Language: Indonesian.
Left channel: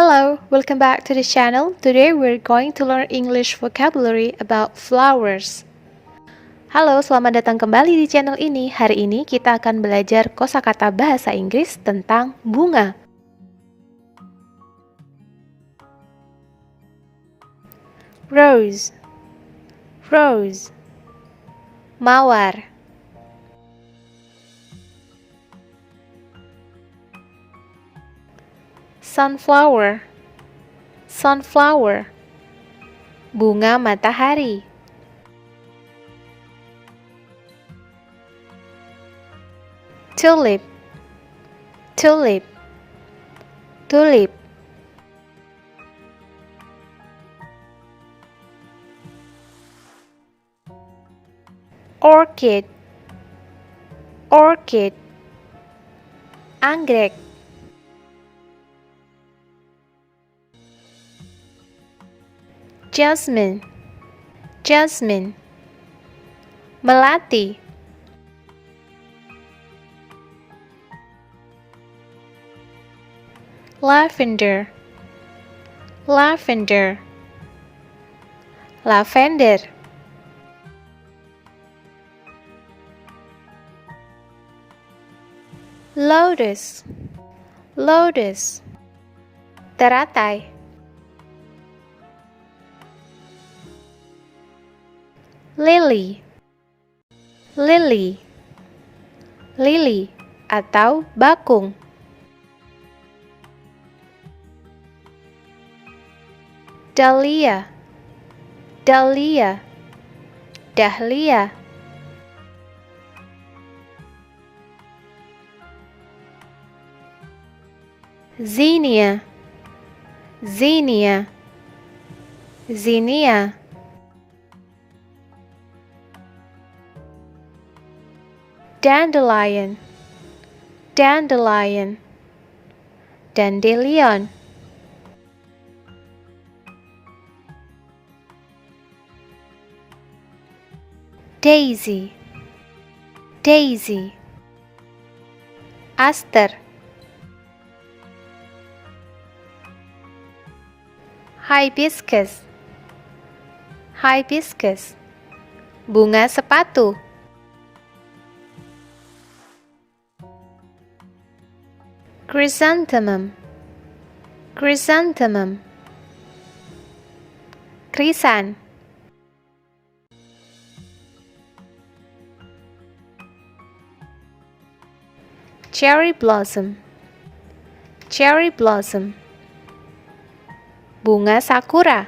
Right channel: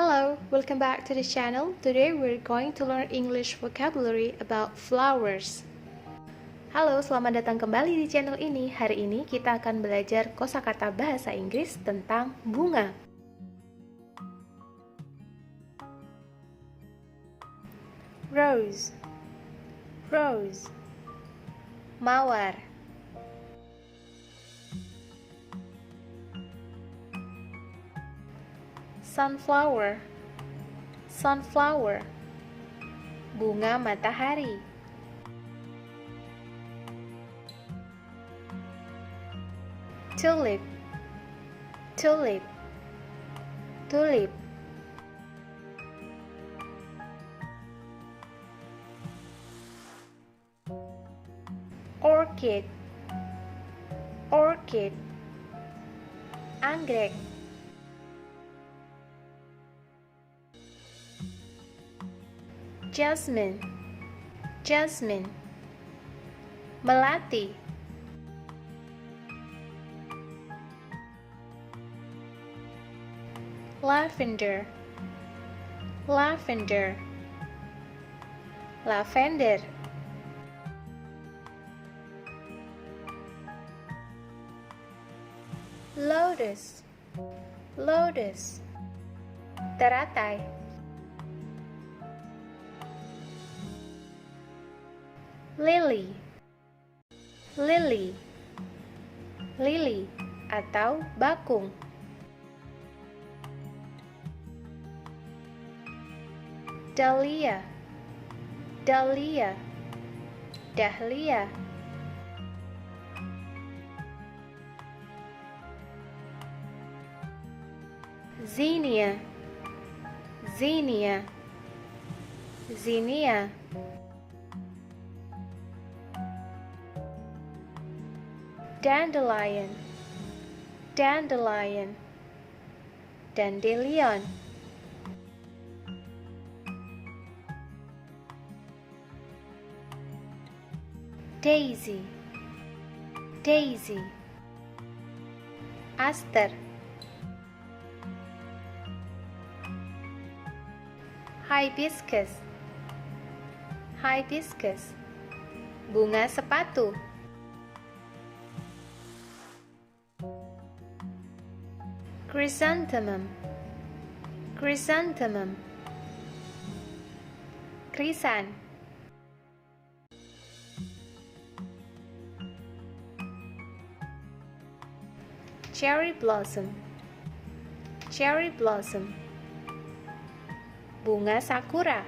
Hello, welcome back to the channel. Today we're going to learn English vocabulary about flowers. Halo, selamat datang kembali di channel ini. Hari ini kita akan belajar kosakata bahasa Inggris tentang bunga. Rose, rose, mawar. Sunflower, sunflower, bunga matahari. Tulip, tulip, tulip. Orchid, orchid, anggrek. Jasmine, jasmine, melati. Lavender, lavender, lavender. Lotus, lotus, teratai. Lily, lily, lily atau bakung. Dahlia, dahlia, dahlia. Zinnia, zinnia, zinnia. Dandelion, dandelion, dandelion. Daisy, daisy, aster. Hibiscus, hibiscus, bunga sepatu. Chrysanthemum, chrysanthemum, krisan. Cherry blossom, cherry blossom, bunga sakura.